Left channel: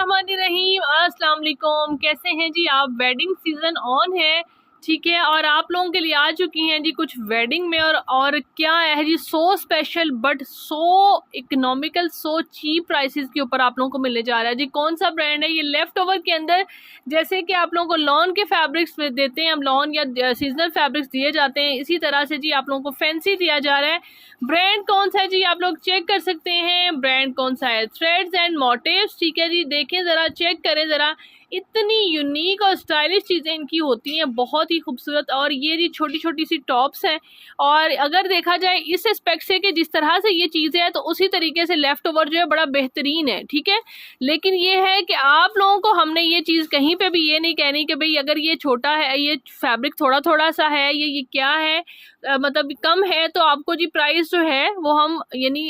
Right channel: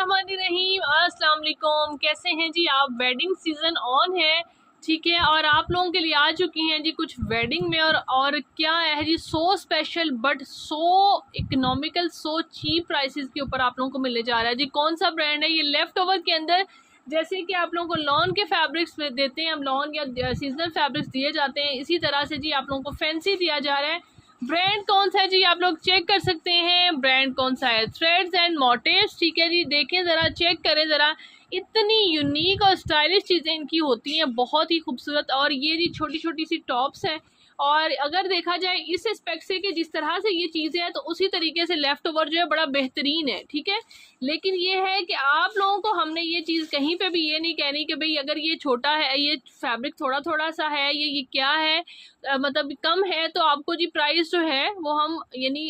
बिस्मिल्लाहिर्रहमानिर्रहीम। अस्सलाम वालेकुम। कैसे हैं जी आप? वेडिंग सीज़न ऑन है, ठीक है, और आप लोगों के लिए आ चुकी हैं जी कुछ वेडिंग में और क्या है जी, so special but so economical, so cheap prices के ऊपर आप लोगों को मिलने जा रहा है जी। कौन सा ब्रांड है ये? लेफ्ट ओवर के अंदर जैसे कि आप लोगों को लॉन के फैब्रिक्स देते हैं, हम लॉन या सीजनल फैब्रिक्स दिए जाते हैं, इसी तरह से जी आप लोगों को फैंसी दिया जा रहा है। ब्रांड कौन सा है जी? आप लोग चेक कर सकते हैं ब्रांड कौन सा है। थ्रेड्स एंड मोटिव्स, ठीक है जी, देखें ज़रा, चेक करें ज़रा, इतनी यूनिक और स्टाइलिश चीज़ें इनकी होती हैं, बहुत ही खूबसूरत। और ये जी छोटी छोटी सी टॉप्स हैं, और अगर देखा जाए इस एस्पेक्ट से कि जिस तरह से ये चीज़ें हैं तो उसी तरीके से लेफ़्ट ओवर जो है बड़ा बेहतरीन है, ठीक है। लेकिन ये है कि आप लोगों को हमने ये चीज़ कहीं पे भी ये नहीं कहनी कि भाई अगर ये छोटा है, ये फैब्रिक थोड़ा थोड़ा सा है, ये क्या है, मतलब कम है, तो आपको जी प्राइस जो है वो हम यानी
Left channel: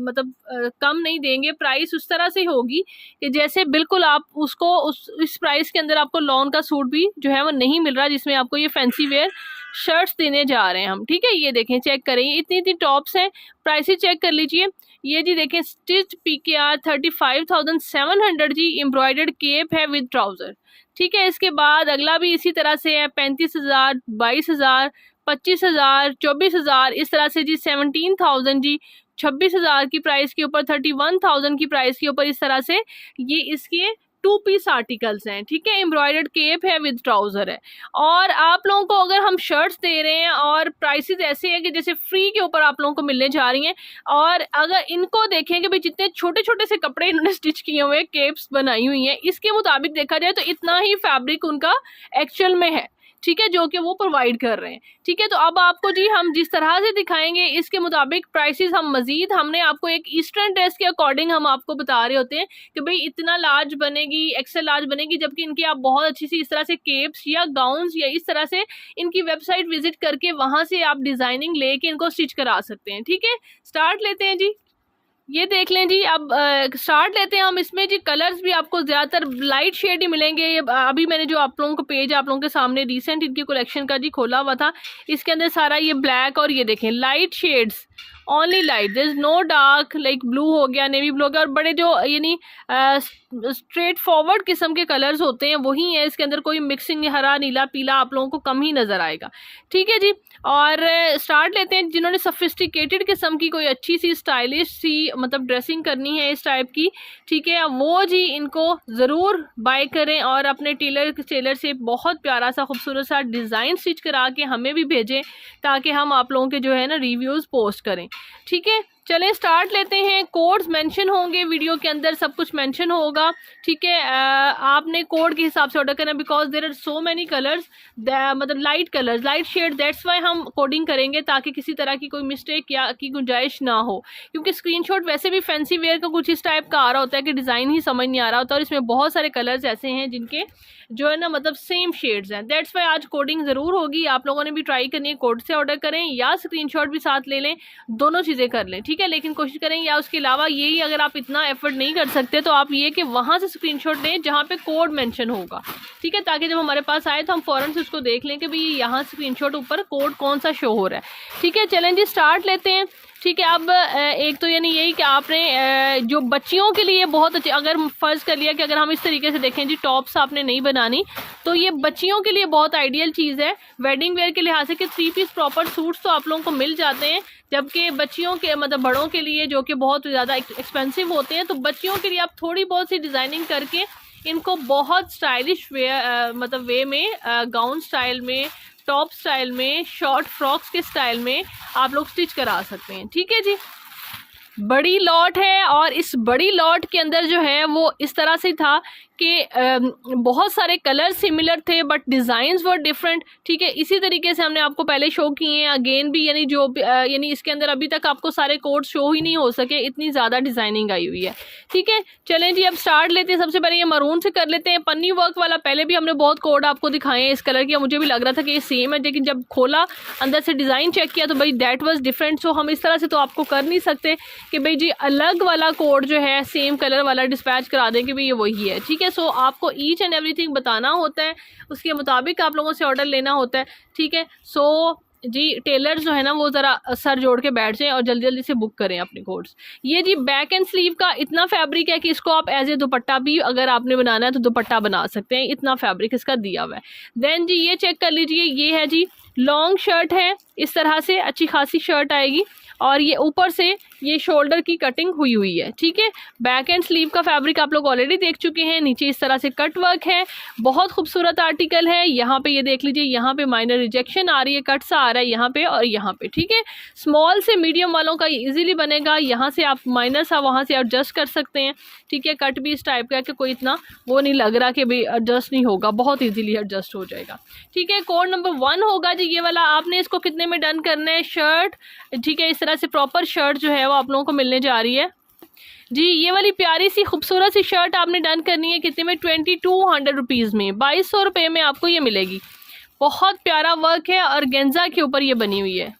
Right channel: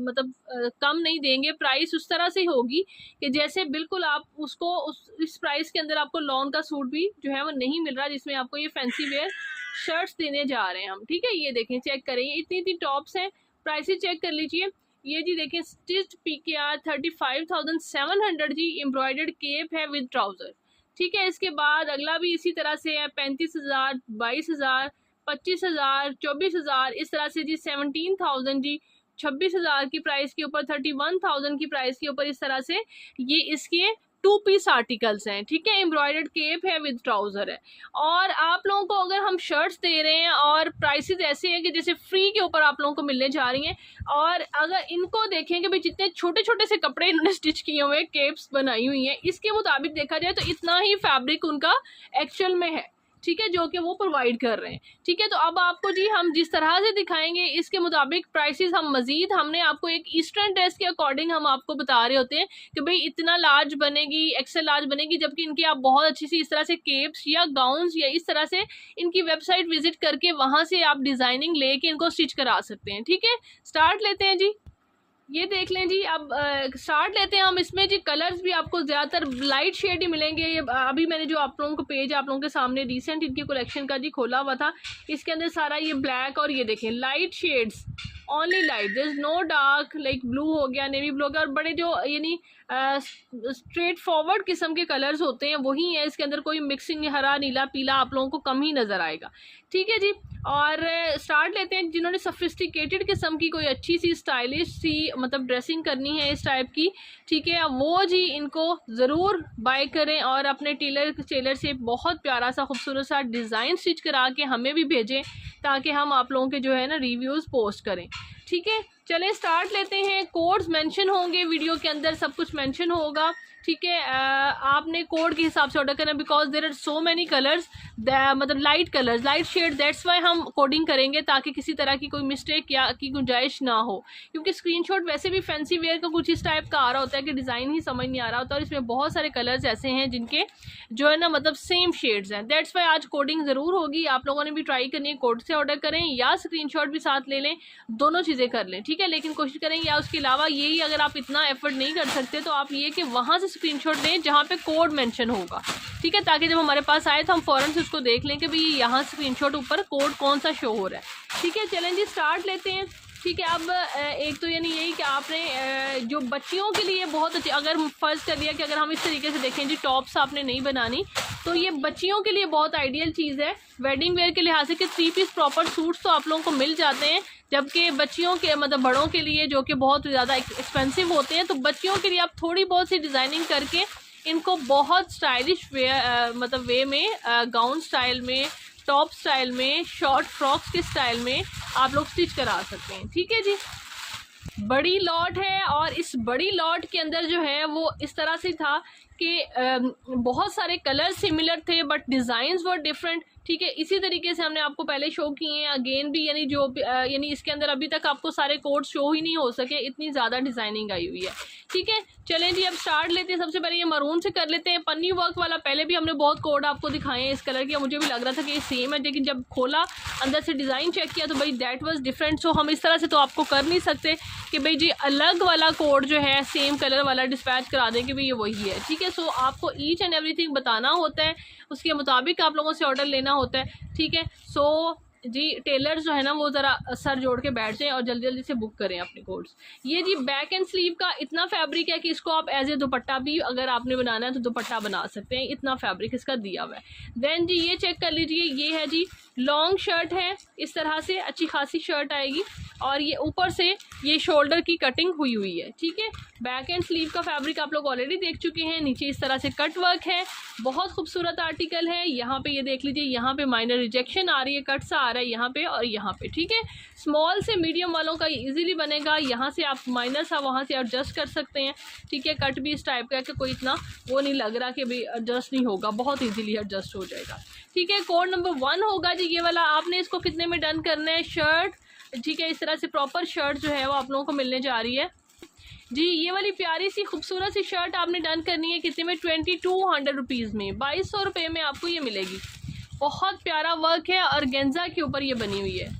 मतलब कम नहीं देंगे। प्राइस उस तरह से होगी कि जैसे बिल्कुल आप उसको इस प्राइस के अंदर आपको लॉन का सूट भी जो है वो नहीं मिल रहा, जिसमें आपको ये फैंसी वेयर शर्ट्स देने जा रहे हैं हम, ठीक है। ये देखें, चेक करें, इतनी इतनी टॉप्स हैं, प्राइसेस चेक कर लीजिए। ये जी देखें, स्टिच PKR 35,700 जी, एम्ब्रॉयडर्ड केप है विद ट्राउज़र, ठीक है। इसके बाद अगला भी इसी तरह से है, 35,000, 22,000, 25,000, 24,000, इस तरह से जी 17,000 जी, 26,000 की प्राइस के ऊपर, 31,000 की प्राइस के ऊपर, इस तरह से ये इसके 2 पीस आर्टिकल्स हैं, ठीक है। एम्ब्रॉयडर्ड केप है विद ट्राउज़र है। और आप लोगों को अगर हम शर्ट्स दे रहे हैं और प्राइसेस ऐसे हैं कि जैसे फ्री के ऊपर आप लोगों को मिलने जा रही हैं, और अगर इनको देखें कि भाई जितने छोटे छोटे से कपड़े इन्होंने स्टिच किए हुए हैं, केप्स बनाई हुई हैं, इसके मुताबिक देखा जाए तो इतना ही फैब्रिक उनका एक्चुअल में है, ठीक है, जो कि वो प्रोवाइड कर रहे हैं, ठीक है। तो अब आपको जी हम जिस तरह से दिखाएंगे इसके मुताबिक प्राइसेस हम मजीद, हमने आपको एक ईस्टर्न ड्रेस के अकॉर्डिंग हम आपको बता रहे होते हैं कि भाई इतना लार्ज बनेगी, एक्सेल लार्ज बनेगी, जबकि इनकी आप बहुत अच्छी सी इस तरह से केप्स या गाउन्स या इस तरह से इनकी वेबसाइट विजिट करके वहाँ से आप डिज़ाइनिंग लेके इनको स्टिच करा सकते हैं, ठीक है। स्टार्ट लेते हैं जी, ये देख लें जी। अब स्टार्ट लेते हैं हम। इसमें जी कलर्स भी आपको ज़्यादातर लाइट शेड ही मिलेंगे। ये अभी मैंने जो आप लोगों को पेज आप लोगों के सामने रिसेंट इनकी कलेक्शन का जी खोला हुआ था, इसके अंदर सारा ये ब्लैक और ये देखें light shades, only light, there is no dark, like blue हो गया, नेवी ब्लू हो गया, और बड़े जो यानी स्ट्रेट फॉरवर्ड किस्म के कलर्स होते हैं वही है। इसके अंदर कोई मिक्सिंग हरा नीला पीला आप लोगों को कम ही नज़र आएगा, ठीक है जी। और स्टार्ट लेते हैं। जिन्होंने सफिस्टिकेटेड किस्म की कोई अच्छी सी स्टाइलिश सी मतलब ड्रेसिंग करनी है इस टाइप की, ठीक है, वो जी इनको ज़रूर बाय करें और अपने टेलर से बहुत प्यारा सा खूबसूरत सा डिज़ाइन स्टिच करा के हमें भी भेजें, ताकि हम आप लोगों के जो है ना रिव्यूज़ पोस्ट करें, ठीक है। चलें स्टार्ट लेते हैं। कोड्स मेंशन होंगे वीडियो के अंदर, सब कुछ मेंशन होगा, ठीक है। आपने कोड के हिसाब से ऑर्डर करना, because there are so many colours, मतलब light colours, light shade, that's why हम कोडिंग करेंगे ताकि किसी तरह की कोई मिस्टेक या की गुंजाइश ना हो। क्योंकि स्क्रीनशॉट वैसे भी फैंसी वेयर का कुछ इस टाइप का आ रहा होता है कि डिज़ाइन ही समझ नहीं आ रहा होता, और इसमें बहुत सारे कलर्स ऐसे हैं जिनके जो है ना मतलब सेम शेड्स हैं, दैट्स वाई आज कोडिंग ज़रूर होगी। आप लोगों ने भी ट्राई करनी है, कोड से ऑर्डर करें या स्क्रीनशॉट भी साथ ले लें, दोनों चीज़ें कर लें, ठीक है। लेकिन कोशिश करें, या उसके अलावा यही अगर आप इतना एफर्ट नहीं कर सकते तो आप ये कि वहाँ से स्क्रीनशॉट लें जहाँ पे कोड मेंशन होगा, ठीक है, ताकि जब हमारे पास आए तो हम फ़ौरन से उसको देख लें कि भाई यहाँ स्क्रीनशॉट ऊपर कोड कौन सा शो हो रहा है, ठीक है। चलें जी स्टार्ट लेते हैं, ठीक है। अब एक तो यानी यही कि आपने जो बच्चियों के लिए बहुत अच्छी, अगर फ़र्ज़ कर लिया कि अगर हम इस तरीके से देखें जी, टॉप्स आपने नहीं बनानी, तो ये बच्चियों के लिए बहुत आइडियल चीज़ है वेडिंग वेयर के लिहाज से कि 3 पीस प्रॉपर सूट्स तो आप लोगों को मिल जाते हैं, जबकि बच्चियों के मतलब बड़ों के लिए जो कि बहुत ज़्यादा एक्सपेंसिव होते हैं, तो बच्चियों के लिए आप थोड़ी बहुत सी डिज़ाइनिंग करके इनको बहुत स्टाइलिश वे मतलब वे में, गाउन स्टाइल में, टॉप स्टाइल में, शॉर्ट फ्रॉक्स के स्टाइल में आप लोग स्टिच करा सकते हैं, ठीक है जी। बड़ी लॉट है, और इस बड़ी लॉट के अंदर जो है वो इस तरह से था कि बहुत सारे कलर सिमिलर थे बट डिज़ाइंस वर डिफरेंट, ठीक है। इसी तरीके से हमने आपको पहले शो किए हैं, अगेन भी, यानी जो यानी इसके अंदर अभी तक आपको सारे कोड शो ही नहीं हो सके, इतनी ज़्यादा डिज़ाइनिंग आई हुई है, ठीक है। चलें जी अब स्टार्ट लेते हैं। सबसे पहले ये मरून से कर लेते हैं, पन्नी वर्क वाला। पहले भी हमने बहुत कोड आपको दिखाए हैं इस कलर के, मुझे भी लग रहा था कि ये सेम है, लेकिन जब खोला अंदर से डिज़ाइन चेक किया तो भाई दैट वाज डिफरेंट। सो हम इस तरह से तो आपको कर नहीं सकते कि भाई जी अलग वाला कोड जो है सेम कलर वाला डिस्पैच करा दें कि भाई ये वही है, ठीक है। सो आपको ईच एंड एवरीथिंग बताना होता है, उसके मुताबिक आप लोगों से ऑर्डर लेना होता है, ठीक है। सो जी टेलर जो है ना वो ज़रा सर जोड़ के बैठ जाएं और जल्दी जल्दी से बुक करें अपने कोड्स। ये जी बैक एंड स्लीव का इतना फैब्रिक है कि इसको आप एज ए दुपट्टा भी अगर आपने बनाना है तो दुपट्टा बना सकते हैं, इतना फैब्रिक इसका दिया हुआ है। देन जी ये चेक कर लीजिए, ये है जी लॉन्ग शर्ट है, इस तरह से अच्छी खासी शर्ट आएगी और ये ऊपर से ये शोल्डर की कटिंग हुई हुई है, ठीक है। बैक एंड स्लीव का फैब्रिक आप लोग ऑलरेडी देख चुके हैं, नीचे इस तरह से कट वर्क है, बहुत खूबसूरत आर्टिकल है। यहाँ पे ये देख लीजिए, यहाँ पे माइनर रिजेक्शन आ रही है, कट सा आ रहा है यहाँ पे और यहाँ पे, ठीक है। स्मॉल से मीडियम वालों का इजीली बनेगा, यहाँ से आप माइनर सा वहाँ से एडजस्ट कर सकते हैं, ठीक है। कट भी इस टाइप का है कि कोई इतना वो नहीं लग रहा कि भाई एडजस्ट नहीं होगा, बहुत ईजीली एडजस्ट हो जाएगा, ठीक है। कोड नंबर 1 होगा जी ये वाला। आपने इसको कितने में डन करना है, शर्ट, ठीक है। इस तरह से प्रॉपर शर्ट जो है वो आप लोगों को मिलने जा रही है जी। ये वाली प्यारी सी खूबसूरत सी शर्ट आपने डन करनी है कितने में, 2200 रुपीज़ में, 2200 रुपये में आपको ये मिलेगी। बहुत प्यारा वर्क है और गेंजा के ऊपर ये बनी हुई है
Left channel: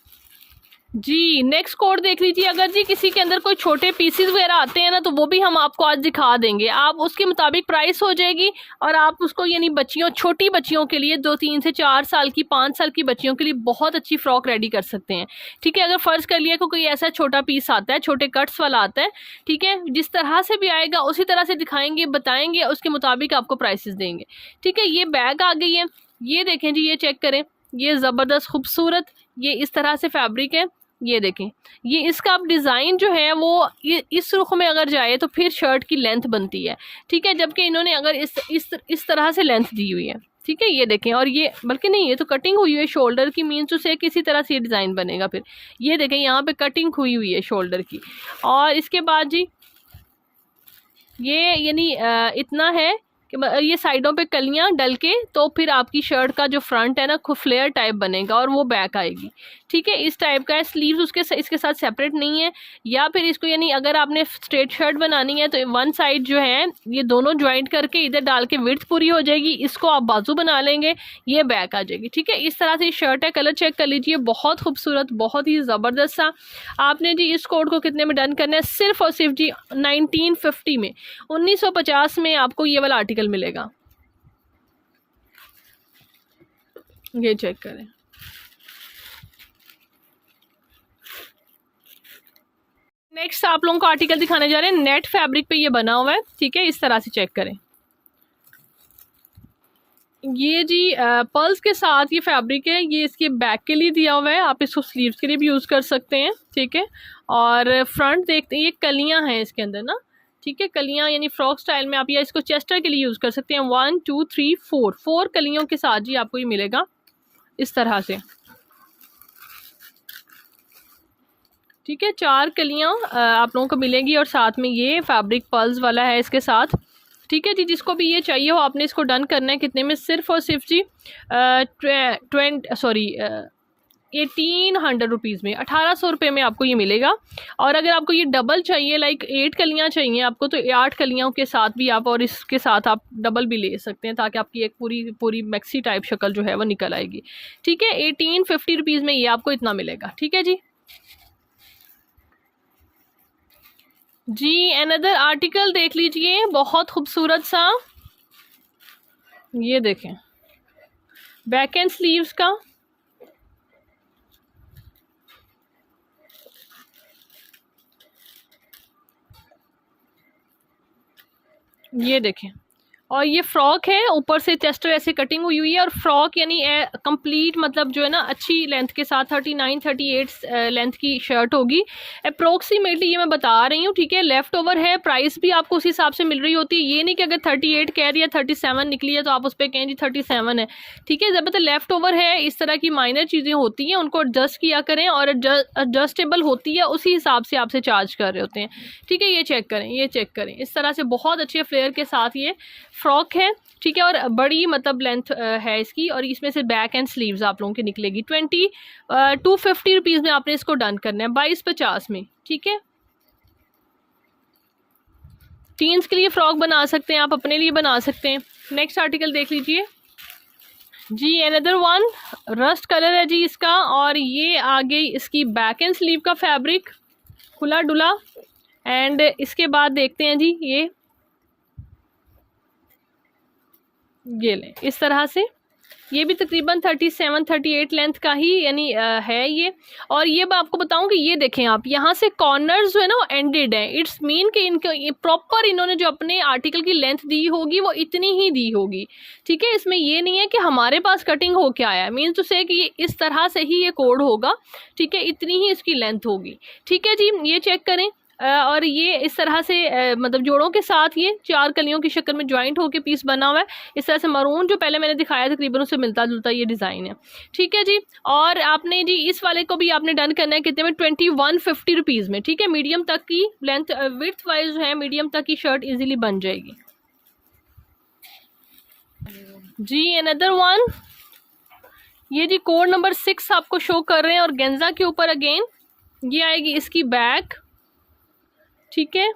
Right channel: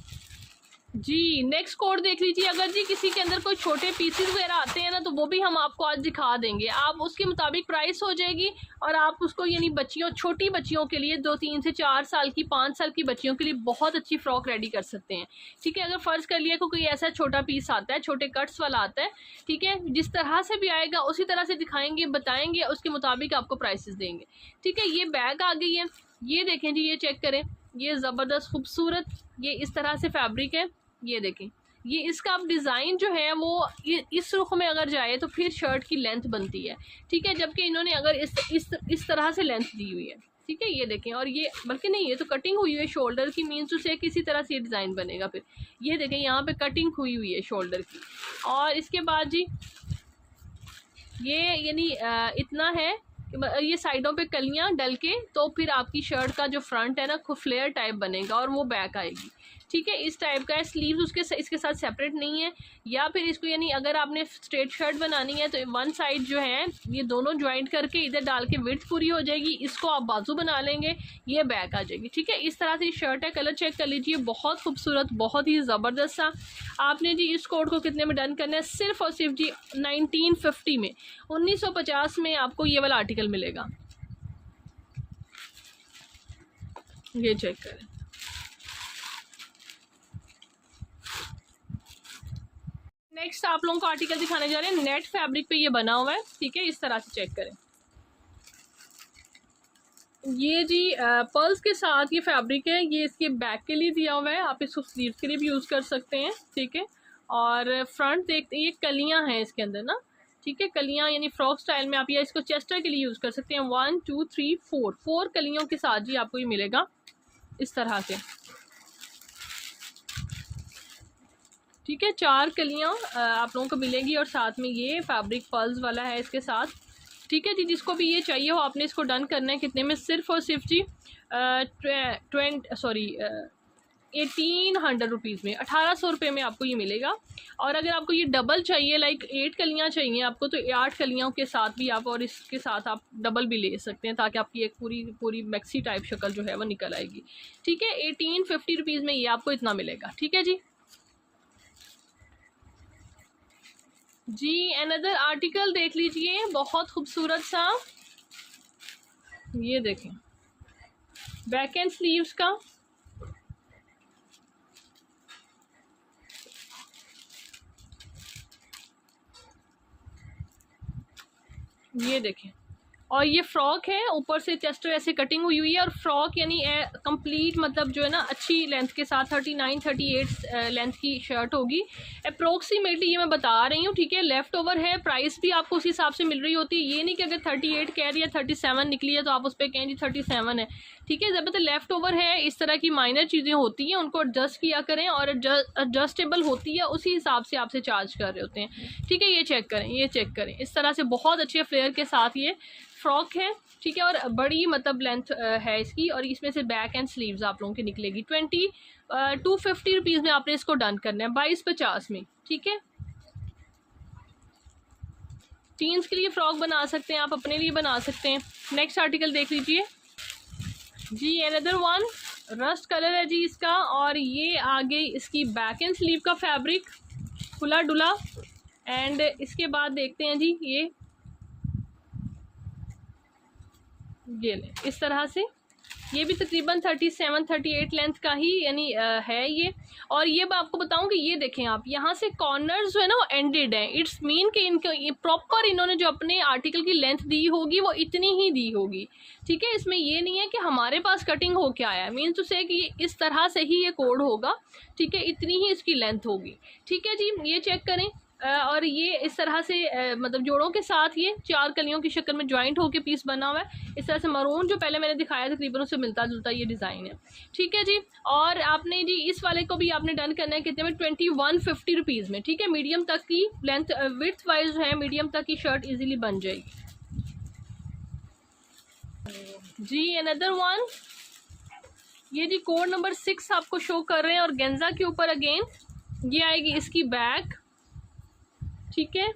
जी। नेक्स्ट कोड देख लीजिए। अगर जी किसी के अंदर कोई छोटे पीसीज वगैरह आते हैं ना तो वो भी हम आपको आज दिखा देंगे, आप उसके मुताबिक प्राइस हो जाएगी और आप उसको यानी बच्चियों, छोटी बच्चियों के लिए 2-3 से 4 साल की, 5 साल की बच्चियों के लिए बहुत अच्छी फ्रॉक रेडी कर सकते हैं, ठीक है। अगर फ़र्ज़ कर लिया कोई ऐसा छोटा पीस आता है, छोटे कट्स वाला आता है, ठीक है, जिस तरह से भी आएगा उसी तरह से दिखाएंगे, बताएंगे, उसके मुताबिक आपको प्राइसेस देंगे, ठीक है। ये बैग आ गई है, ये देखें जी, ये चेक करें, ये ज़बरदस्त खूबसूरत, ये इस तरह से फैब्रिक है, ये देखें। ये इसका अब डिज़ाइन जो है वो ये इस रुख में अगर जाए तो फिर शर्ट की लेंथ बनती है, ठीक है। जबकि इन्होंने अगर इस तरह से लेंथ दी हुई है, ठीक है, ये देखें। और ये बल्कि नहीं, ये तो कटिंग हुई हुई है शोल्डर की, मीन्स उसे किसी तरह से ये डिज़ाइन बनेगा। फिर ये देखें, यहाँ पे कटिंग हुई हुई है शोल्डर की। और इसके बाद जी ये यानी इतना है कि ये साइडों पे कलियां डल के तो फिर आपकी शर्ट का जो फ्रंट है ना खूब फ्लेयर टाइप बनेगा और वो बैक आएगी, ठीक है। इस टाइप का है। स्लीव्स उसके इसके साथ सेपरेट नहीं है, या फिर इसको यानी अगर आपने स्ट्रेट शर्ट बनानी है तो वन साइड जो है ये दोनों ज्वाइंट करके इधर डाल के विड्थ पूरी हो जाएगी, इसको आप बाजू बना लेंगे, ये बैक आ जाएगी, ठीक है। इस तरह से शर्ट है, कलर चेक कर लीजिए, बहुत खूबसूरत, बहुत ही ज़बरदस्त सा। आपने जी इस कोड को कितने में डन करना है, सिर्फ और सिर्फ जी 1950 में, 1950 में आपको ये वाला आर्टिकल मिलेगा। ये चेक करें, नेक्स्ट आप लोगों को आर्टिकल दिखाने जा रहे हैं, नेट फैब्रिक पे ये बना हुआ है, ठीक है। इस तरह से चेक करें, ये जी पर्ल्स के साथ ये फैब्रिक है, ये इसके बैक के लिए दिया हुआ है, आप इसको स्लीव्स के लिए भी यूज़ कर सकते हैं, ठीक है। और फ्रंट देखते हैं, ये कलियां हैं इसके अंदर ना, ठीक है, कलियां यानी फ्रॉक स्टाइल में आप या इसको चेस्टर के लिए यूज़ कर सकते हैं। 1 2 3 4 कलियों के साथ जी आपको ये मिलेगा इस तरह से, ठीक है। 4 कलियां आप लोगों को मिलेंगी और साथ में ये फैब्रिक पर्ल्स वाला है इसके साथ, ठीक है जी। जिसको भी ये चाहिए हो आपने इसको डन करना है कितने में, सिर्फ और सिर्फ जी 1800 रुपीज़ में, 1800 रुपये में आपको ये मिलेगा। और अगर आपको ये डबल चाहिए, लाइक 8 कलियाँ चाहिए आपको, तो 8 कलियों के साथ भी आप और इसके साथ आप डबल भी ले सकते हैं, ताकि आपकी एक पूरी मैक्सी टाइप शक्ल जो है वो निकल आएगी, ठीक है। 1850 रुपीज़ में ये आपको इतना मिलेगा, ठीक है जी। जी अनदर आर्टिकल देख लीजिए, बहुत खूबसूरत सा, ये देखें, बैक एंड स्लीव्स का, ये देखें। और ये फ्रॉक है, ऊपर से चेस्टर ऐसे कटिंग हुई हुई है, और फ्रॉक यानी कंप्लीट मतलब जो है ना अच्छी लेंथ के साथ 39-38 लेंथ की शर्ट होगी अप्रोक्सीमेटली, ये मैं बता रही हूँ, ठीक है। लेफ़्ट ओवर है, प्राइस भी आपको उस हिसाब से मिल रही होती है, ये नहीं कि अगर 38 कह रही है 37 निकली है तो आप उस पर कहें जी 37 है, ठीक है। जब मतलब लेफ़्ट ओवर है, इस तरह की माइनर चीज़ें होती हैं, उनको एडजस्ट किया करें, और एडजस्टेबल होती है उसी हिसाब से आपसे चार्ज कर रहे होते हैं, ठीक है। ये चेक करें, ये चेक करें, इस तरह से बहुत अच्छे फ्लेयर के साथ ये फ्रॉक है, ठीक है। और बड़ी मतलब लेंथ है इसकी, और इसमें से बैक एंड स्लीव्स आप लोगों की निकलेगी। 250 रुपीज़ में आपने इसको डन करना है, 2250 में, ठीक है। टीन्स के लिए फ्रॉक बना सकते हैं आप, अपने लिए बना सकते हैं। नेक्स्ट आर्टिकल देख लीजिए जी, अनदर वन रस्ट कलर है जी इसका, और ये आ गई इसकी बैक एंड स्लीव का फैब्रिक, खुला डुला। एंड इसके बाद देखते हैं जी, ये लें इस तरह से, ये भी तकरीबन 37-38 लेंथ का ही यानी है ये। और ये मैं आपको बताऊं कि ये देखें आप, यहाँ से कॉर्नर्स जो है ना वो एंडेड है। इट्स मीन कि इनका ये प्रॉपर इन्होंने जो अपने आर्टिकल की लेंथ दी होगी वो इतनी ही दी होगी, ठीक है। इसमें ये नहीं है कि हमारे पास कटिंग हो के आया है, मीन्स टू से कि ये इस तरह से ही ये कोड होगा, ठीक है, इतनी ही इसकी लेंथ होगी, ठीक है जी। ये चेक करें। और ये इस तरह से मतलब जोड़ों के साथ ये 4 कलियों की शक्ल में ज्वाइंट होकर पीस बना हुआ है। इस तरह से मरून जो पहले मैंने दिखाया तकरीबन उससे मिलता जुलता ये डिज़ाइन है, ठीक है जी। और आपने जी इस वाले को भी आपने डन करना है कितने में, 2150 रुपीज़ में, ठीक है। मीडियम तक की लेंथ विड्थ वाइज जो है मीडियम तक की शर्ट इजीली बन जाएगी जी। अनदर वन, ये जी कोड नंबर 6 आपको शो कर रहे हैं और गेंजा के ऊपर अगेन ये आएगी इसकी बैक, ठीक है।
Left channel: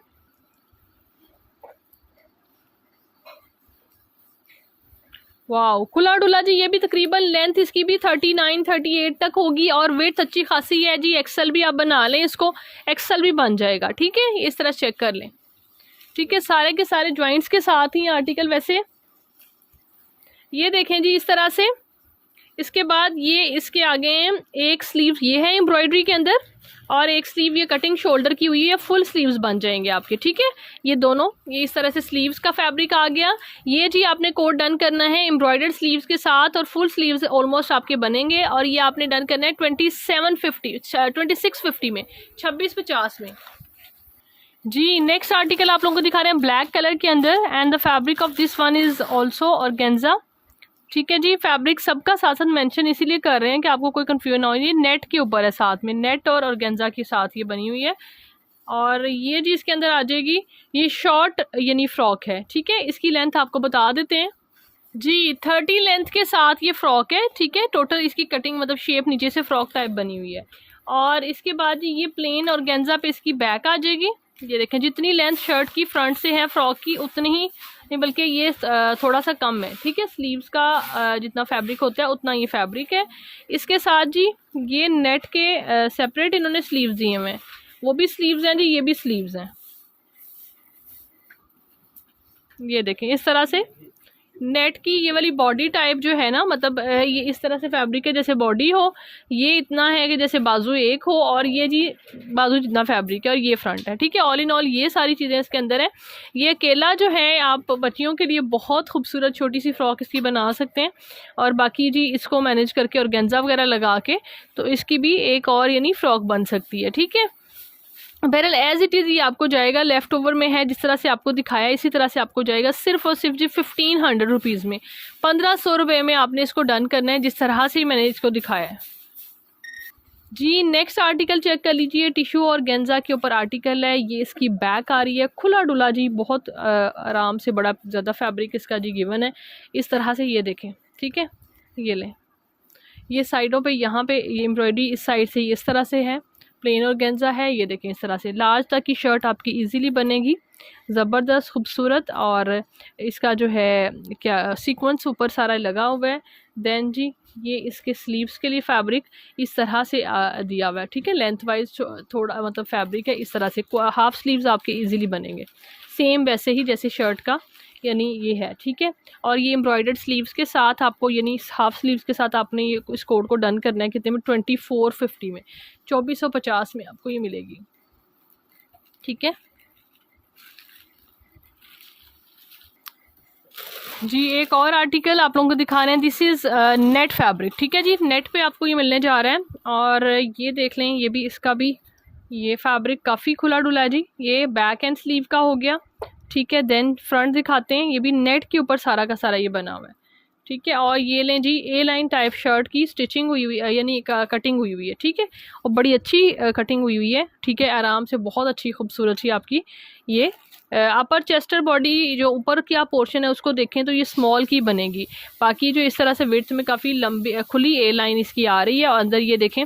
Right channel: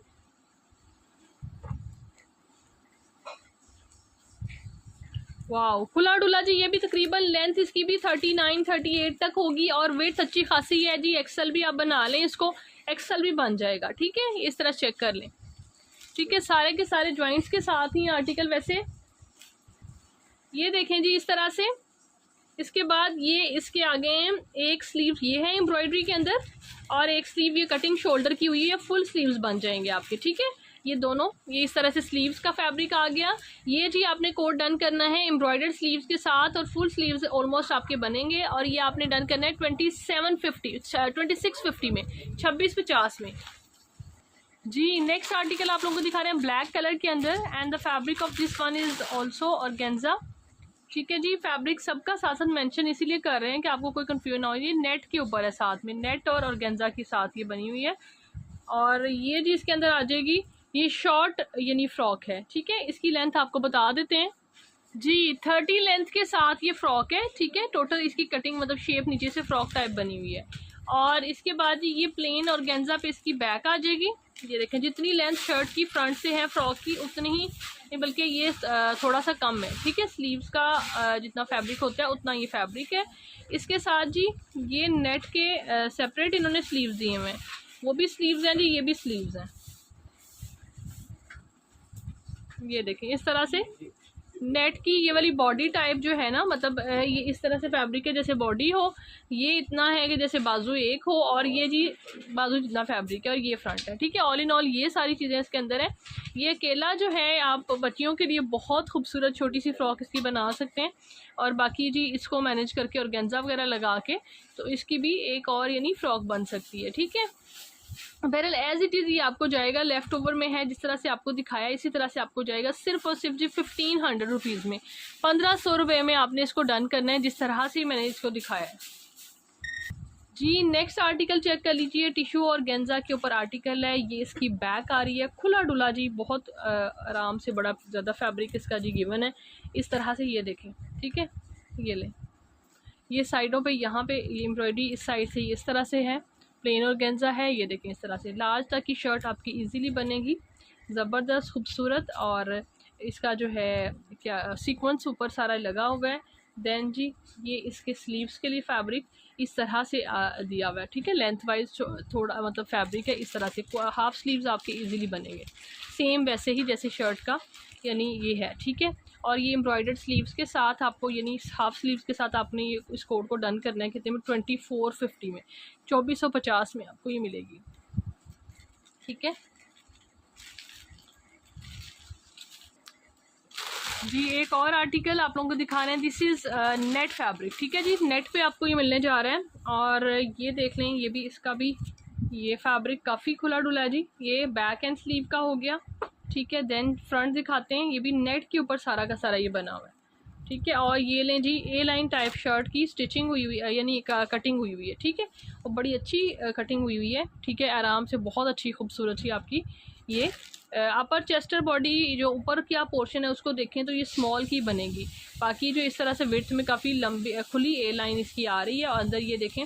वाह, खुला डुला जी। ये भी तकरीबन लेंथ इसकी भी 39-38 तक होगी और वेट अच्छी खासी है जी। एक्सल भी आप बना लें इसको, एक्सल भी बन जाएगा, ठीक है। इस तरह चेक कर लें, ठीक है। सारे के सारे ज्वाइंट्स के साथ ही आर्टिकल वैसे ये देखें जी इस तरह से। इसके बाद ये इसके आगे एक स्लीव ये है एम्ब्रॉयडरी के अंदर और एक स्लीव ये कटिंग शोल्डर की हुई है, फुल स्लीव्स बन जाएंगे आपके, ठीक है। ये दोनों ये इस तरह से स्लीव्स का फैब्रिक आ गया। ये जी आपने कोड डन करना है एम्ब्रॉयडर्ड स्लीव्स के साथ और फुल स्लीव्स ऑलमोस्ट आपके बनेंगे। और ये आपने डन करना है 2650 में, 2650 में जी। नेक्स्ट आर्टिकल आप लोगों को दिखा रहे हैं ब्लैक कलर के अंदर and the fabric of this one is also organza, ठीक है जी। फैब्रिक सबका साथ साथ मेंशन इसीलिए कर रहे हैं कि आपको कोई कंफ्यूजन ना हो। ये नेट के ऊपर है, साथ में नेट और ऑर्गेन्जा के साथ ये बनी हुई है। और ये जी इसके अंदर आ जाएगी, ये शॉर्ट यानी फ्रॉक है, ठीक है। इसकी लेंथ आपको बता देते हैं जी, 30 लेंथ के साथ ये फ्रॉक है, ठीक है। टोटल इसकी कटिंग मतलब शेप नीचे से फ्रॉक टाइप बनी हुई है। और इसके बाद जी ये प्लेन ऑर्गेन्जा पे इसकी बैक आ जाएगी। ये देखें जितनी लेंथ शर्ट की फ्रंट से है फ्रॉक की उतनी ही नहीं, बल्कि ये थोड़ा सा कम है, ठीक है। स्लीव्स का जितना फैब्रिक होता है उतना ये फैब्रिक है। इसके साथ जी ये नेट के सेपरेट इन्होंने स्लीव्स दिए हुए हैं, वो भी स्लीव्स हैं जी, ये भी स्लीव्स हैं। ये देखें इस तरह से नेट की ये वाली बॉडी टाइप जो है ना, मतलब ये इस तरह से फैब्रिक है जैसे बॉडी हो, ये इतना है कि जैसे बाजू एक हो और ये जी बाजू जितना फैब्रिक है और ये फ्रंट है, ठीक है। ऑल इन ऑल ये सारी चीज़ें इसके अंदर है। ये अकेला जो है आप बच्चियों के लिए बहुत खूबसूरत छोटी सी फ्रॉक इसकी बना सकते हैं और बाकी जी इसको मैनेज करके ऑर्गेन्जा वगैरह लगा के तो इसकी भी एक और यानी फ्रॉक बन सकती है, ठीक है। बहरहाल एज इट इज़ ये आपको जाएगा, लेफ़्ट ओवर में है जिस तरह से आपको दिखाया इसी तरह से आपको जाएगा सिर्फ और सिर्फ जी 1500 रुपीज़ में, 1500 रुपये में आपने इसको डन करना है जिस तरह से मैंने इसको दिखाया है जी। नेक्स्ट आर्टिकल चेक कर लीजिए, टिश्यू और गेंजा के ऊपर आर्टिकल है। ये इसकी बैक आ रही है, खुला डुला जी, बहुत आराम से, बड़ा ज़्यादा फैब्रिक इसका जी गिवन है इस तरह से। ये देखें, ठीक है। ये लें, ये साइडों पे यहाँ पे ये एम्ब्रॉयडरी इस साइड से इस तरह से है, प्लेन ऑर्गेन्जा है। ये देखें इस तरह से लार्ज तक की शर्ट आपकी इजीली बनेगी, ज़बरदस्त खूबसूरत। और इसका जो है क्या सीक्वेंस ऊपर सारा लगा हुआ है। देन जी ये इसके स्लीव्स के लिए फैब्रिक इस तरह से दिया हुआ है, ठीक है। लेंथ वाइज थोड़ा मतलब फैब्रिक है इस तरह से, हाफ स्लीव्स आपके इजीली बनेंगे सेम वैसे ही जैसे शर्ट का यानी ये है, ठीक है। और ये एम्ब्रॉयडर्ड स्लीव्स के साथ आपको यानी हाफ स्लीव्स के साथ आपने ये इस कोड को डन करना है कितने में, 2450 में, 2450 में आपको ये मिलेगी, ठीक है जी। एक और आर्टिकल आप लोगों को दिखा रहे हैं, दिस इज़ नेट फैब्रिक, ठीक है जी। नेट पे आपको ये मिलने जा रहा है और ये देख लें, ये भी इसका भी ये फैब्रिक काफ़ी खुला डुला है जी। ये बैक एंड स्लीव का हो गया, ठीक है। देन फ्रंट दिखाते हैं, ये भी नेट के ऊपर सारा का सारा ये बना हुआ है, ठीक है। और ये लें जी ए लाइन टाइप शर्ट की स्टिचिंग हुई हुई यानी कटिंग हुई हुई है, ठीक है। और बड़ी अच्छी कटिंग हुई हुई है, ठीक है। आराम से बहुत अच्छी खूबसूरत सी आपकी ये अपर चेस्टर बॉडी जो ऊपर क्या पोर्शन है उसको देखें तो ये स्मॉल की बनेगी। बाकी जो इस तरह से विड्थ में काफ़ी लंबी खुली ए लाइन इसकी आ रही है और अंदर ये देखें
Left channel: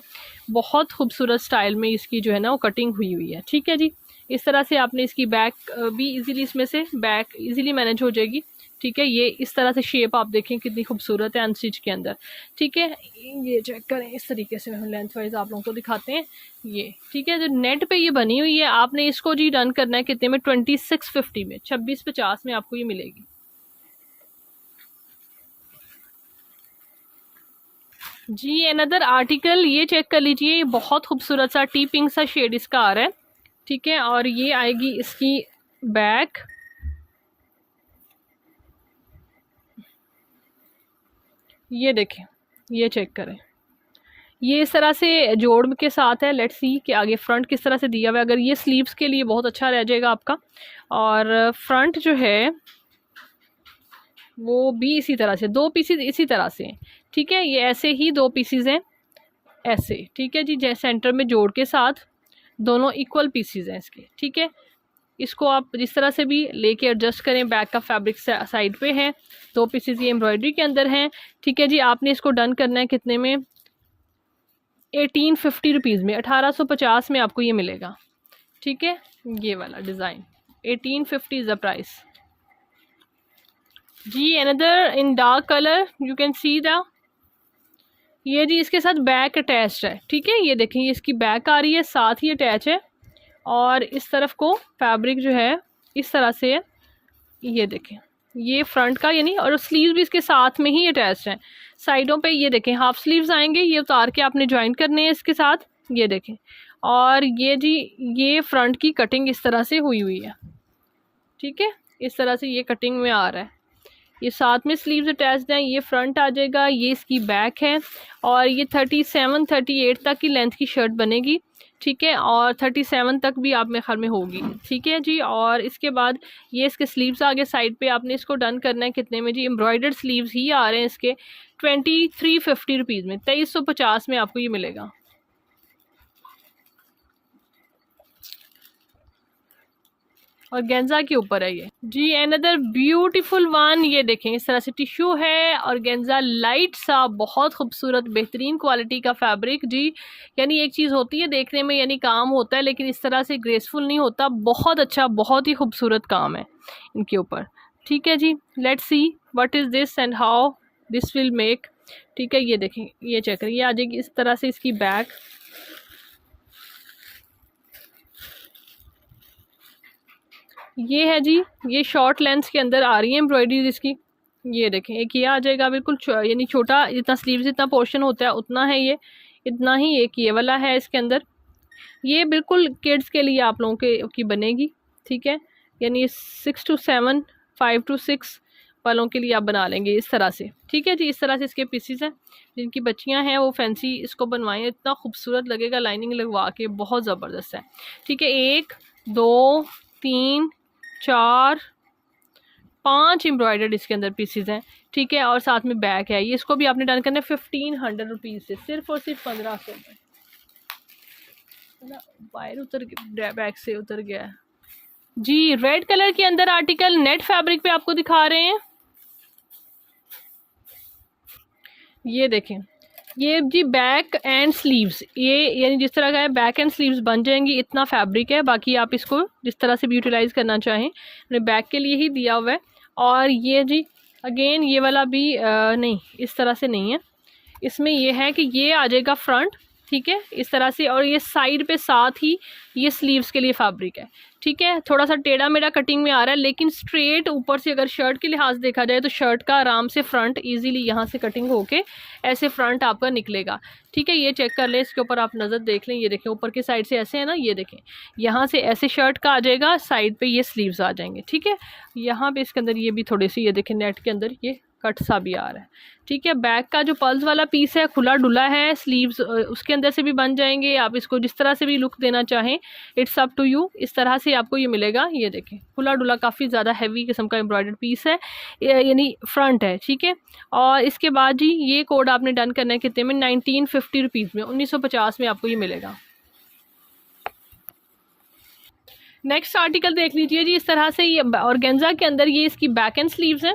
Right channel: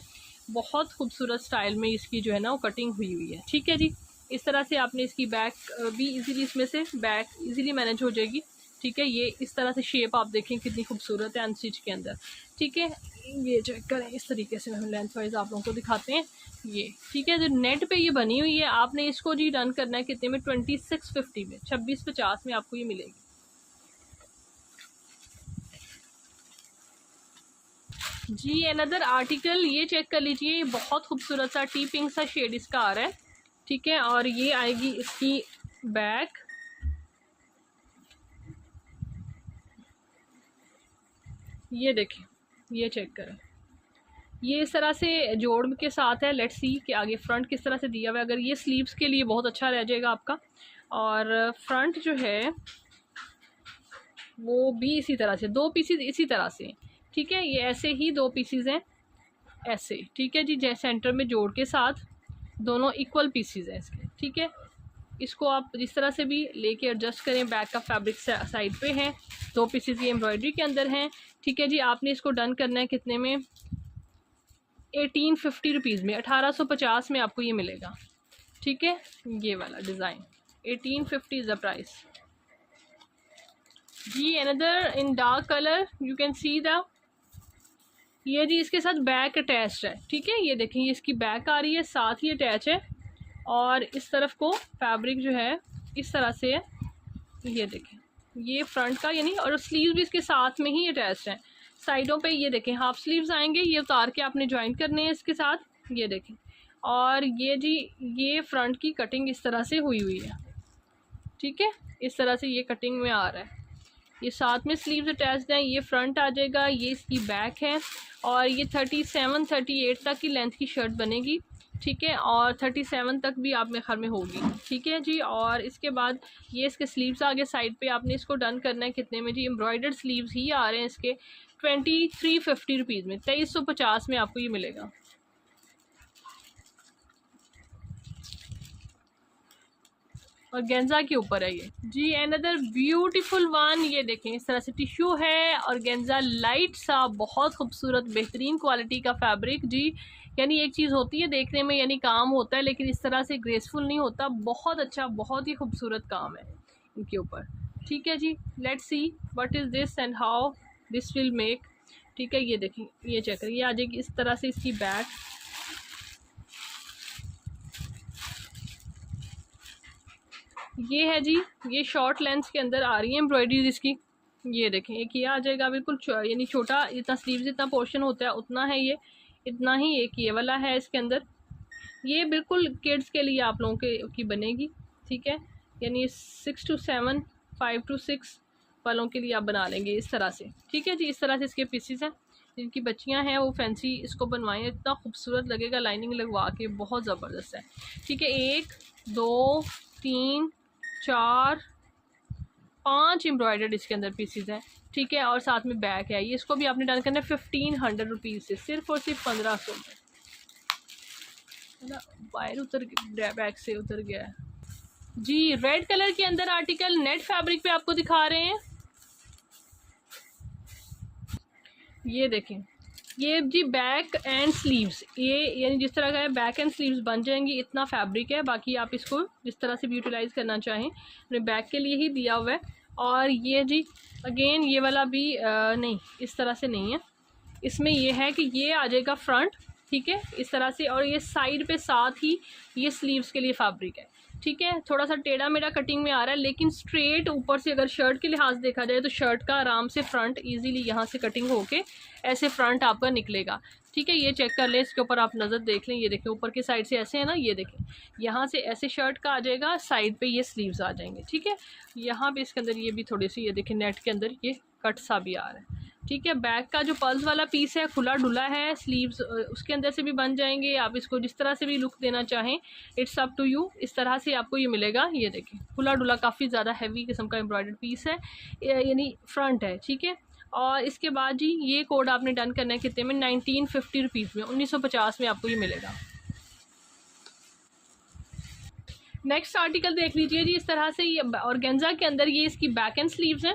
बहुत खूबसूरत स्टाइल में इसकी जो है ना वो कटिंग हुई हुई है, ठीक है जी। इस तरह से आपने इसकी बैक भी इजीली, इसमें से बैक इजीली मैनेज हो जाएगी, ठीक है। ये इस तरह से शेप आप देखें कितनी खूबसूरत है अनस्टिच के अंदर, ठीक है। ये चेक करें इस तरीके से हम लेंथ वाइज आप लोगों को दिखाते हैं ये, ठीक है। जो नेट पे ये बनी हुई है आपने इसको जी डन करना है कितने में, 2650 में, 2650 में आपको ये मिलेगी जी अनदर आर्टिकल ये चेक कर लीजिए, ये बहुत खूबसूरत सा टी पिंक सा शेड इसका आ रहा है, ठीक है। और ये आएगी इसकी बैक, ये देखें, ये चेक करें, ये इस तरह से जोड़ के साथ है। लेट्स सी कि आगे फ्रंट किस तरह से दिया हुआ है। अगर ये स्लीव्स के लिए बहुत अच्छा रह जाएगा आपका। और फ्रंट जो है वो भी इसी तरह से, 2 पीसीज इसी तरह से, ठीक है। ये ऐसे ही 2 पीसीज हैं ऐसे, ठीक है जी, जैसे सेंटर में जोड़ के साथ दोनों इक्वल पीसीज हैं इसके, ठीक है। इसको आप जिस तरह से भी लेके एडजस्ट करें। बैक का फैब्रिक साइड पे है, 2 पीसीज ये एम्ब्रॉयडरी के अंदर हैं, ठीक है जी। आपने इसको डन करना है कितने में, 1850 रुपीज़ में, 1850 में आपको ये मिलेगा, ठीक है। ये वाला डिज़ाइन 1850 इज़ द प्राइस जी। Another in dark colour you can see the, ये जी इसके साथ बैक अटैच्ड है, ठीक है। ये देखें, ये इसकी बैक आ रही है, साथ ही अटैच है। और इस तरफ को फैब्रिक जो है इस तरह से है, ये देखें, ये फ्रंट का यानी, और स्लीव भी इसके साथ में ही अटैच्ड है। साइडों पे ये देखें हाफ स्लीव्स आएंगे, ये उतार के आपने ज्वाइन करने हैं इसके साथ, ये देखें। और ये जी ये फ्रंट की कटिंग इस तरह से हुई हुई है, ठीक है। इस तरह से ये कटिंग में आ रहा है, ये साथ में स्लीव्स अटैच्ड हैं। ये फ्रंट आ जाएगा, ये इसकी बैक है। और ये 37-38 तक की लेंथ की शर्ट बनेगी, ठीक है। और 37 तक भी आप में ख्याल में होगी, ठीक है जी। और इसके बाद ये इसके स्लीव्स आगे साइड पे आपने इसको डन करना है कितने में जी, एम्ब्रॉयडर्ड स्लीव्स ही आ रहे हैं इसके 2350 रुपीज़ में, 2350 में आपको ये मिलेगा। और गेंजा के ऊपर है ये जी। अनदर ब्यूटीफुल वन, ये देखें इस तरह से टिश्यू है और गेंजा लाइट सा, बहुत खूबसूरत बेहतरीन क्वालिटी का फैब्रिक जी। यानी एक चीज़ होती है देखने में यानी काम होता है, लेकिन इस तरह से ग्रेसफुल नहीं होता। बहुत अच्छा, बहुत ही खूबसूरत काम है इनके ऊपर, ठीक है जी। Let's see what is this and how this will make, ठीक है। ये देखें, ये चेक करें, ये आ जाएगी इस तरह से इसकी बैक, ये है जी। ये शॉर्ट लेंथ के अंदर आ रही है एम्ब्रॉयडरी इसकी, ये देखें। एक ये आ जाएगा बिल्कुल यानी छोटा, जितना स्लीव जितना पोर्शन होता है उतना है ये, इतना ही। एक ये वाला है इसके अंदर, ये बिल्कुल किड्स के लिए आप लोगों के की बनेगी, ठीक है। यानी 6 to 7, 5 to 6 वालों के लिए आप बना लेंगे इस तरह से, ठीक है जी। इस तरह से इसके पीसीस हैं, जिनकी बच्चियां हैं वो फैंसी इसको बनवाएं, इतना खूबसूरत लगेगा लाइनिंग लगवा के, बहुत ज़बरदस्त है, ठीक है। 1 2 3 4 5 एम्ब्रॉयडर्ड इसके अंदर पीसीज हैं, ठीक है। और साथ में बैक है, ये इसको भी आपने डन करना है 1500 रुपीज़ से, सिर्फ और सिर्फ 1500 में, है ना। वायर उतर बैक से उतर गया है जी। रेड कलर के अंदर आर्टिकल नेट फैब्रिक पे आपको दिखा रहे हैं, ये देखें। ये जी बैक एंड स्लीव्स, ये यानी जिस तरह का है बैक एंड स्लीव्स बन जाएंगी, इतना फैब्रिक है। बाकी आप इसको जिस तरह से भी यूटिलाइज़ करना चाहें, मैंने बैक के लिए ही दिया हुआ है। और ये जी अगेन ये वाला भी नहीं, इस तरह से नहीं है, इसमें ये है कि ये आ जाएगा फ्रंट, ठीक है, इस तरह से। और ये साइड पे साथ ही ये स्लीव्स के लिए फैब्रिक है, ठीक है। थोड़ा सा टेढ़ा मेढ़ा कटिंग में आ रहा है, लेकिन स्ट्रेट ऊपर से अगर शर्ट के लिहाज देखा जाए तो शर्ट का आराम से फ्रंट इजीली यहाँ से कटिंग होके ऐसे फ्रंट आपका निकलेगा, ठीक है। ये चेक कर लें, इसके ऊपर आप नज़र देख लें, ये देखें ऊपर की साइड से ऐसे है ना, ये देखें यहाँ से ऐसे शर्ट का आ जाएगा, साइड पे ये स्लीव्स आ जाएंगे, ठीक है। यहाँ पे इसके अंदर ये भी थोड़ी सी, ये देखें नेट के अंदर ये कट सा भी आ रहा है, ठीक है। बैक का जो पल्स वाला पीस है खुला डुला है, स्लीव्स उसके अंदर से भी बन जाएंगे। आप इसको जिस तरह से भी लुक देना चाहें, इट्स अप टू यू। इस तरह से आपको ये मिलेगा, ये देखें खुला डुला, काफ़ी ज़्यादा हैवी किस्म का एम्ब्रॉयडर्ड पीस है, यानी फ्रंट है, ठीक है। और इसके बाद जी ये कोड आपने डन करना है कितने में, 1950 रुपीज़ में, 1950 में आपको ये मिलेगा। नेक्स्ट आर्टिकल देख लीजिए जी, इस तरह से ये ऑर्गेन्जा के अंदर ये इसकी बैक एंड स्लीव्स है,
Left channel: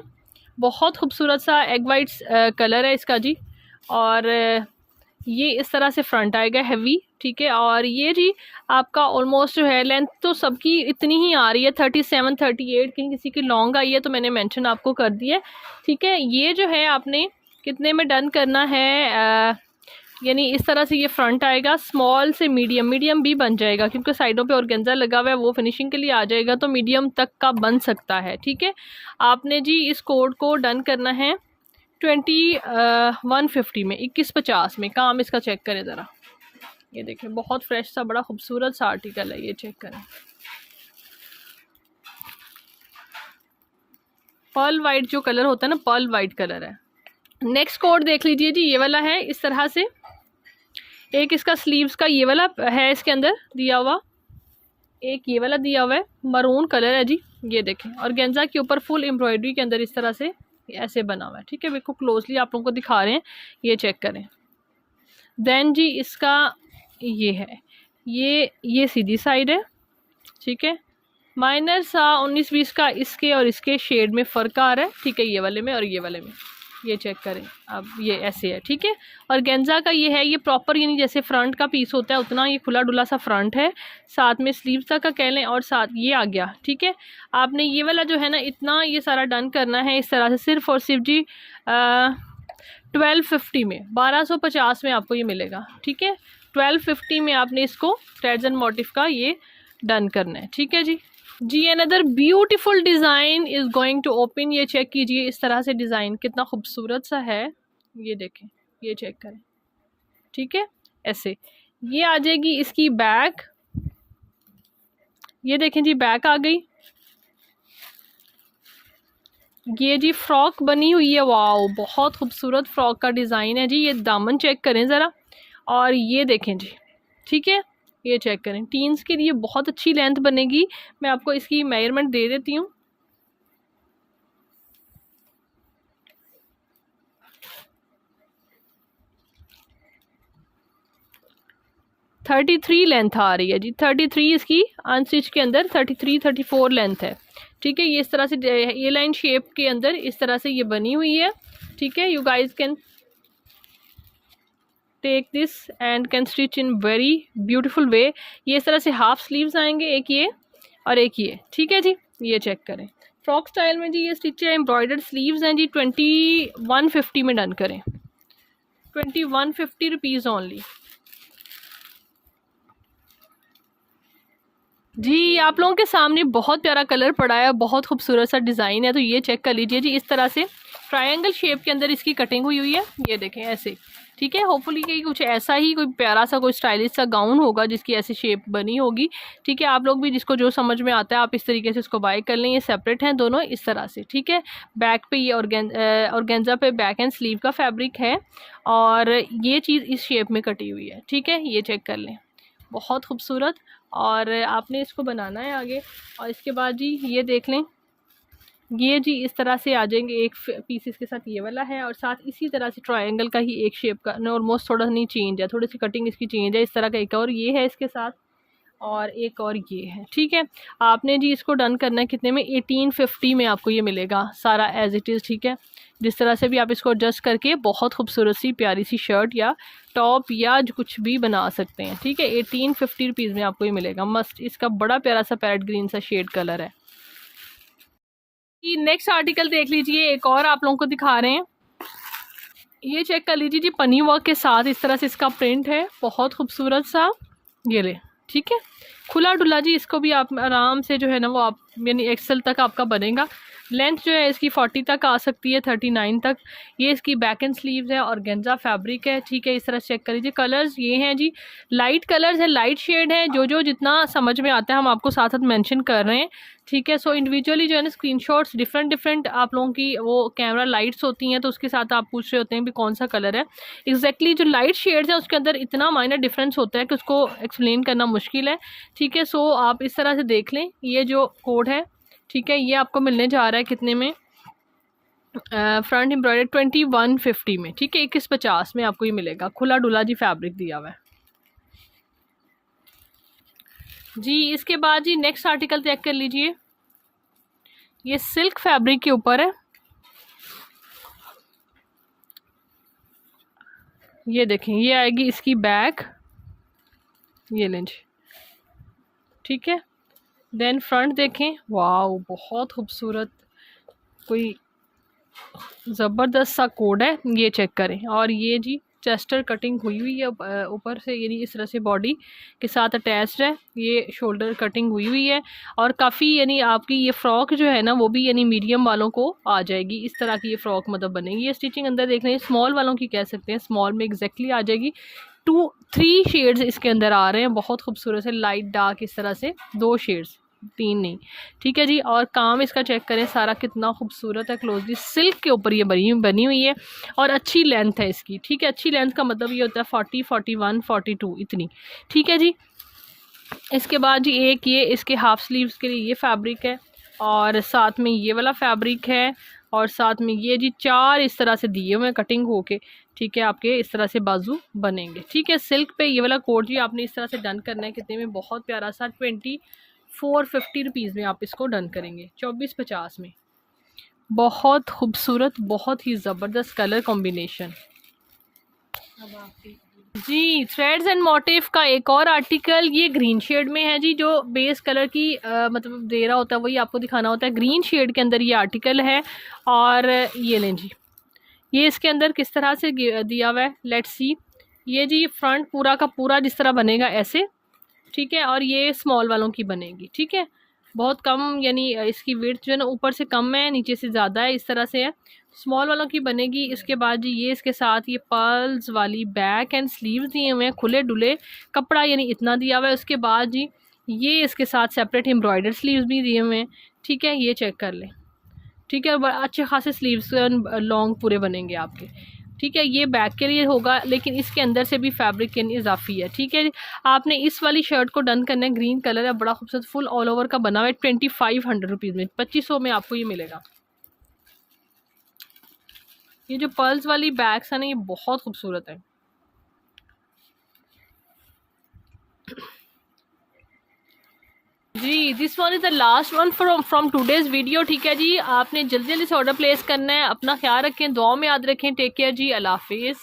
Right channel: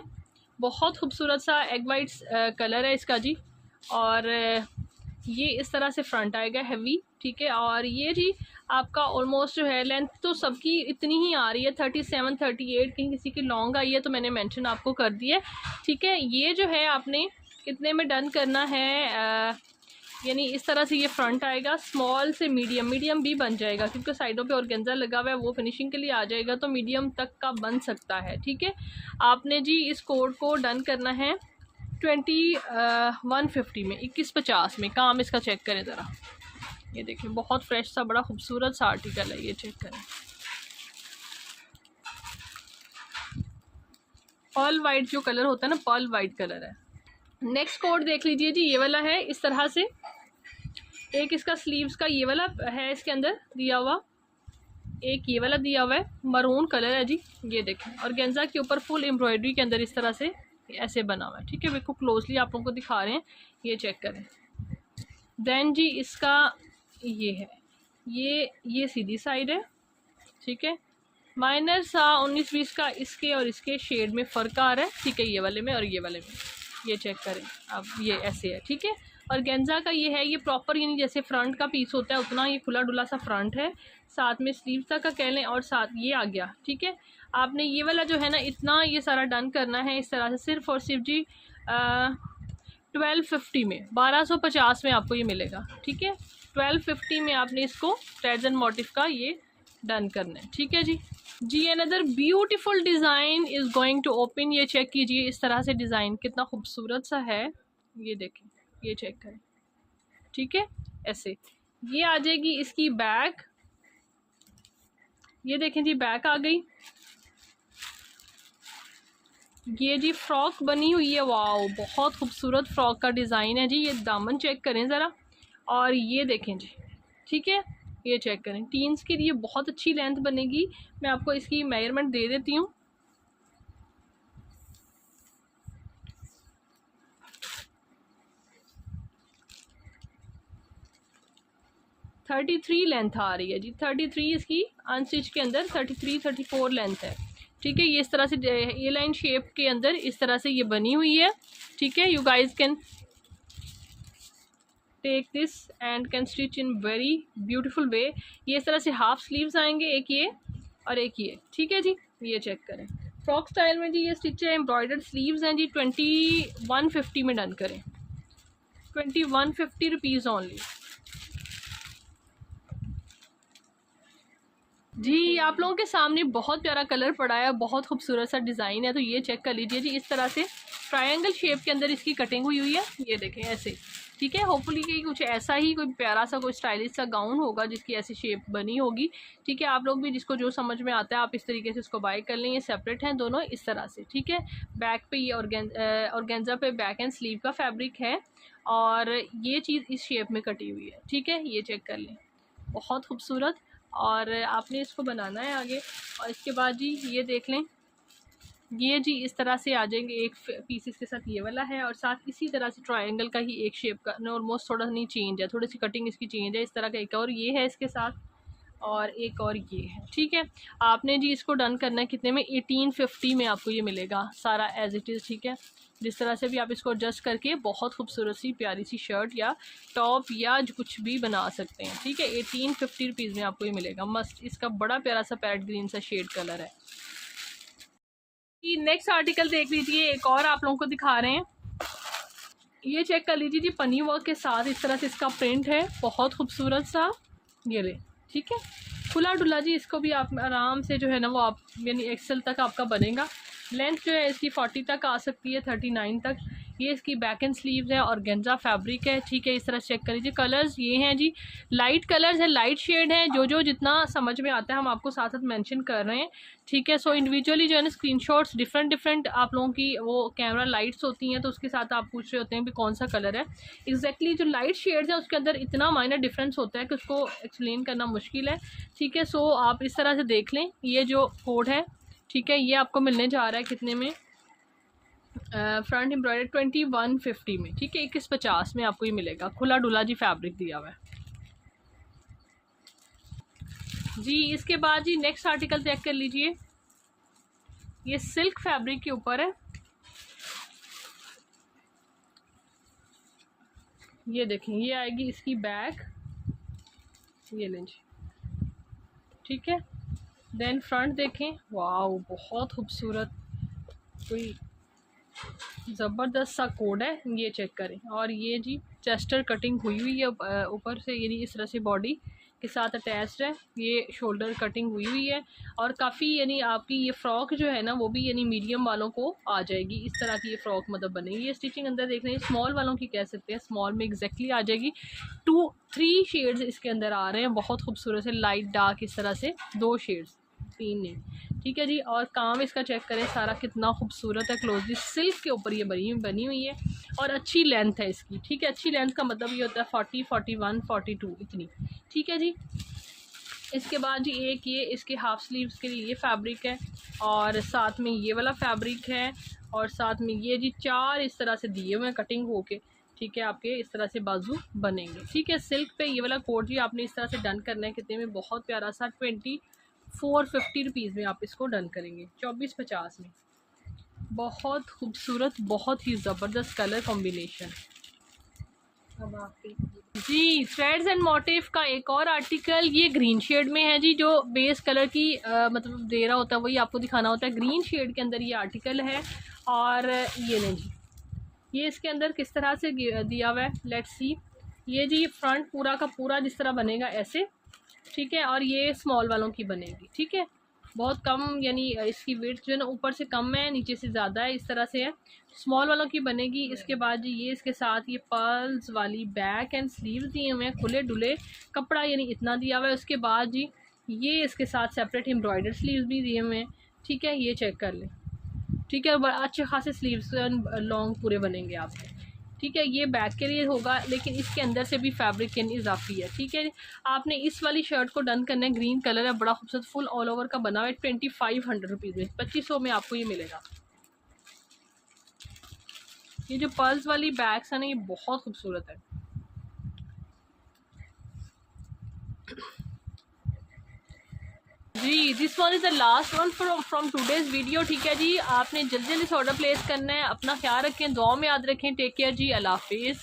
बहुत खूबसूरत सा एग वाइट कलर है इसका जी। और ये इस तरह से फ्रंट आएगा हैवी, ठीक है। और ये जी आपका ऑलमोस्ट जो है लेंथ तो सबकी इतनी ही आ रही है, 37-38, कहीं किसी की लॉन्ग आई है तो मैंने मेंशन आपको कर दिया है, ठीक है। ये जो है आपने कितने में डन करना है, यानी इस तरह से ये फ्रंट आएगा, स्मॉल से मीडियम, मीडियम भी बन जाएगा क्योंकि साइडों पे ऑर्गेन्जा लगा हुआ है, वो फिनिशिंग के लिए आ जाएगा, तो मीडियम तक का बन सकता है, ठीक है। आपने जी इस कोड को डन करना है 2150 में, 2150 में। काम इसका चेक करें ज़रा, ये देखें बहुत फ्रेश सा बड़ा खूबसूरत सा आर्टिकल है, ये चेक करें। पर्ल वाइट जो कलर होता है ना, पर्ल वाइट कलर है। नेक्स्ट कोड देख लीजिए जी, ये वाला है इस तरह से। एक इसका स्लीव्स का ये वाला है इसके अंदर दिया हुआ, एक ये वाला दिया हुआ है, मरून कलर है जी, ये देखें। और गेंजा के ऊपर फुल एम्ब्रॉयडरी के अंदर इस तरह से ऐसे बना हुआ है, ठीक है। बिल्कुल क्लोजली आप लोगों को दिखा रहे हैं, ये चेक करें। देन जी इसका ये है, ये सीधी साइड है, ठीक है। माइनस 19-20 का इसके और इसके शेड में फ़र्क आ रहा है, ठीक है, ये वाले में और ये वाले में, ये चेक करें अब, ये ऐसे है, ठीक है। और गेंजा का ये है, ये प्रॉपर यानी जैसे फ्रंट का पीस होता है उतना ये खुला डुला सा फ्रंट है, साथ में स्लीव्स तक का कह लें और साथ ये आ गया, ठीक है। आपने ये वाला जो है ना इतना ये सारा डन करना है इस तरह से, सिर्फ और सिर्फ जी 1250 में, 1250 में आपको ये मिलेगा, ठीक है। 1250 में आपने इसको थ्रेड्स एंड मोटिफ का ये डन करना है, ठीक है जी। Another beautiful design is going to open, ये चेक कीजिए इस तरह से डिज़ाइन कितना खूबसूरत सा है, ये देखें, ये चेक करें, ठीक है। ऐसे ये आ जाएगी इसकी बैक, ये देखें जी बैक आ गई। ये जी फ्रॉक बनी हुई है, वाओ बहुत खूबसूरत फ्रॉक का डिज़ाइन है जी। ये दामन चेक करें ज़रा, और ये देखें जी, ठीक है, ये चेक करें। टीन्स के लिए बहुत अच्छी लेंथ बनेगी, मैं आपको इसकी मेजरमेंट दे देती हूँ। थर्टी 33 लेंथ आ रही है जी, 33 इसकी अनस्टिच के अंदर 33-34 लेंथ है, ठीक है। ये इस तरह से ये लाइन शेप के अंदर इस तरह से ये बनी हुई है, ठीक है। You guys can take this and can stitch in very beautiful way. ये इस तरह से हाफ स्लीव्स आएंगे, एक ये और एक ये, ठीक है जी। ये चेक करें, फ्रॉक स्टाइल में जी ये स्टिच है, एम्ब्रॉयडर्ड स्लीव्स हैं जी। 2150 में डन करें, 2150 रुपीज़ ओनली जी। आप लोगों के सामने बहुत प्यारा कलर पड़ा है, बहुत खूबसूरत सा डिज़ाइन है, तो ये चेक कर लीजिए जी। इस तरह से ट्रायंगल शेप के अंदर इसकी कटिंग हुई है, ये देखें ऐसे, ठीक है। होपफुली कि कुछ ऐसा ही कोई प्यारा सा कोई स्टाइलिश सा गाउन होगा जिसकी ऐसी शेप बनी होगी, ठीक है। आप लोग भी जिसको जो समझ में आता है आप इस तरीके से इसको बाय कर लें। ये सेपरेट हैं दोनों इस तरह से, ठीक है। बैक पे ये ऑर्गेन्जा पे बैक एंड स्लीव का फैब्रिक है, और ये चीज़ इस शेप में कटी हुई है, ठीक है। ये चेक कर लें, बहुत खूबसूरत। और आपने इसको बनाना है आगे, और इसके बाद जी ये देख लें, ये जी इस तरह से आ जाएंगे। एक पीस इसके साथ ये वाला है, और साथ इसी तरह से ट्रायंगल का ही एक शेप का ऑलमोस्ट थोड़ा नहीं चेंज है, थोड़ी सी कटिंग इसकी चेंज है, इस तरह का एक और ये है इसके साथ, और एक और ये है, ठीक है। आपने जी इसको डन करना है कितने में, 1850 में आपको ये मिलेगा सारा एज इट इज़, ठीक है। जिस तरह से भी आप इसको एडजस्ट करके बहुत खूबसूरत सी प्यारी सी शर्ट या टॉप या कुछ भी बना सकते हैं, ठीक है। 1850 रुपीज़ में आपको ये मिलेगा, मस्त। इसका बड़ा प्यारा सा पैरेट ग्रीन सा शेड कलर है। नेक्स्ट आर्टिकल देख लीजिए, एक और आप लोगों को दिखा रहे हैं, ये चेक कर लीजिए जी। पनी वर्क के साथ इस तरह से इसका प्रिंट है, बहुत खूबसूरत सा, ये ले, ठीक है। खुला डुला जी, इसको भी आप आराम से जो है ना वो आप यानी एक्सेल तक आपका बनेगा। लेंथ जो है इसकी 40 तक आ सकती है, 39 तक। ये इसकी बैक एंड स्लीव्स है, और गेंजा फैब्रिक है, ठीक है। इस तरह चेक कर लीजिए। कलर्स ये हैं जी, लाइट कलर्स है, लाइट शेड है, जो जितना समझ में आता है हम आपको साथ साथ मेंशन कर रहे हैं, ठीक है। सो इंडिविजुअली जो है ना स्क्रीनशॉट्स डिफरेंट आप लोगों की वो कैमरा लाइट्स होती हैं, तो उसके साथ आप पूछ रहे होते हैं भी कौन सा कलर है एग्जैक्टली। जो लाइट शेड्स है उसके अंदर इतना माइनर डिफरेंस होता है कि उसको एक्सप्लेन करना मुश्किल है, ठीक है। सो आप इस तरह से देख लें, ये जो कोड है, ठीक है, ये आपको मिलने जा रहा है कितने में, फ्रंट एम्ब्रॉयडरी 2150 में, ठीक है। 2150 में आपको ये मिलेगा, खुला डुला जी फैब्रिक दिया हुआ है जी। इसके बाद जी नेक्स्ट आर्टिकल चेक कर लीजिए, ये सिल्क फैब्रिक के ऊपर है, ये देखें, ये आएगी इसकी बैक, ये लेंज, ठीक है। देन फ्रंट देखें, वाओ बहुत खूबसूरत, कोई ज़बरदस्त सा कोड है, ये चेक करें। और ये जी चेस्टर कटिंग हुई हुई है ऊपर से, यानी इस तरह से बॉडी के साथ अटैच्ड है। ये शोल्डर कटिंग हुई हुई है और काफ़ी यानी आपकी ये फ़्रॉक जो है ना वो भी यानी मीडियम वालों को आ जाएगी। इस तरह की ये फ़्रॉक मतलब बनेगी। ये स्टिचिंग अंदर देख लें, स्मॉल वालों की कह सकते हैं, स्मॉल में एग्जैक्टली आ जाएगी। 2-3 शेड्स इसके अंदर आ रहे हैं, बहुत खूबसूरत से लाइट डार्क, इस तरह से 2 शेड्स, 3 नहीं, ठीक है जी। और काम इसका चेक करें सारा कितना खूबसूरत है, क्लोजली सिल्क के ऊपर ये बनी हुई है और अच्छी लेंथ है इसकी, ठीक है। अच्छी लेंथ का मतलब ये होता है 40, 41, 42 इतनी, ठीक है जी। इसके बाद जी एक ये इसके हाफ स्लीव्स के लिए ये फैब्रिक है और साथ में ये वाला फैब्रिक है और साथ में ये जी 4 इस तरह से दिए हुए कटिंग होके, ठीक है। आपके इस तरह से बाजू बनेंगे, ठीक है। सिल्क पे ये वाला कोट जी आपने इस तरह से डन करना है। कितने में? बहुत प्यारा सा 2450 रुपीज़ में आप इसको डन करेंगे, 2450 में। बहुत खूबसूरत, बहुत ही ज़बरदस्त कलर कॉम्बिनेशन। अब आप जी थ्रेड्स एंड मोटिव का एक और आर्टिकल ये ग्रीन शेड में है जी, जो बेस कलर की मतलब दे रहा होता है वही आपको दिखाना होता है। ग्रीन शेड के अंदर ये आर्टिकल है और ये लें जी, ये इसके अंदर किस तरह से दिया हुआ है, लेट्स सी। ये जी फ्रंट पूरा का पूरा जिस तरह बनेगा ऐसे, ठीक है। और ये स्मॉल वालों की बनेगी, ठीक है। बहुत कम यानी इसकी विड्थ जो है ना ऊपर से कम है, नीचे से ज़्यादा है, इस तरह से है। स्मॉल वालों की बनेगी। इसके बाद जी ये इसके साथ ये पर्ल्स वाली बैक एंड स्लीव्स दिए हुए हैं, खुले डुले कपड़ा यानी इतना दिया हुआ है। उसके बाद जी ये इसके साथ सेपरेट एम्ब्रॉयडर स्लीव्स भी दिए हुए हैं, ठीक है। ये चेक कर लें, ठीक है। अच्छे खासे स्लीव्स लॉन्ग पूरे बनेंगे आपके, ठीक है। ये बैक के लिए होगा लेकिन इसके अंदर से भी फैब्रिक यानी इजाफी है, ठीक है। आपने इस वाली शर्ट को डन करना है, ग्रीन कलर है, बड़ा खूबसूरत फुल ऑल ओवर का बना हुआ है। 2500 रुपीज़ में, 2500 में आपको ये मिलेगा। ये जो पर्ल्स वाली बैग्स है ना ये बहुत खूबसूरत है। जी this one is the last one from today's video, ठीक है जी। आपने जल्दी जल्दी से ऑर्डर प्लेस करना है। अपना ख्याल रखें, दुआ में याद रखें। टेक केयर जी, अल्लाह हाफिज़।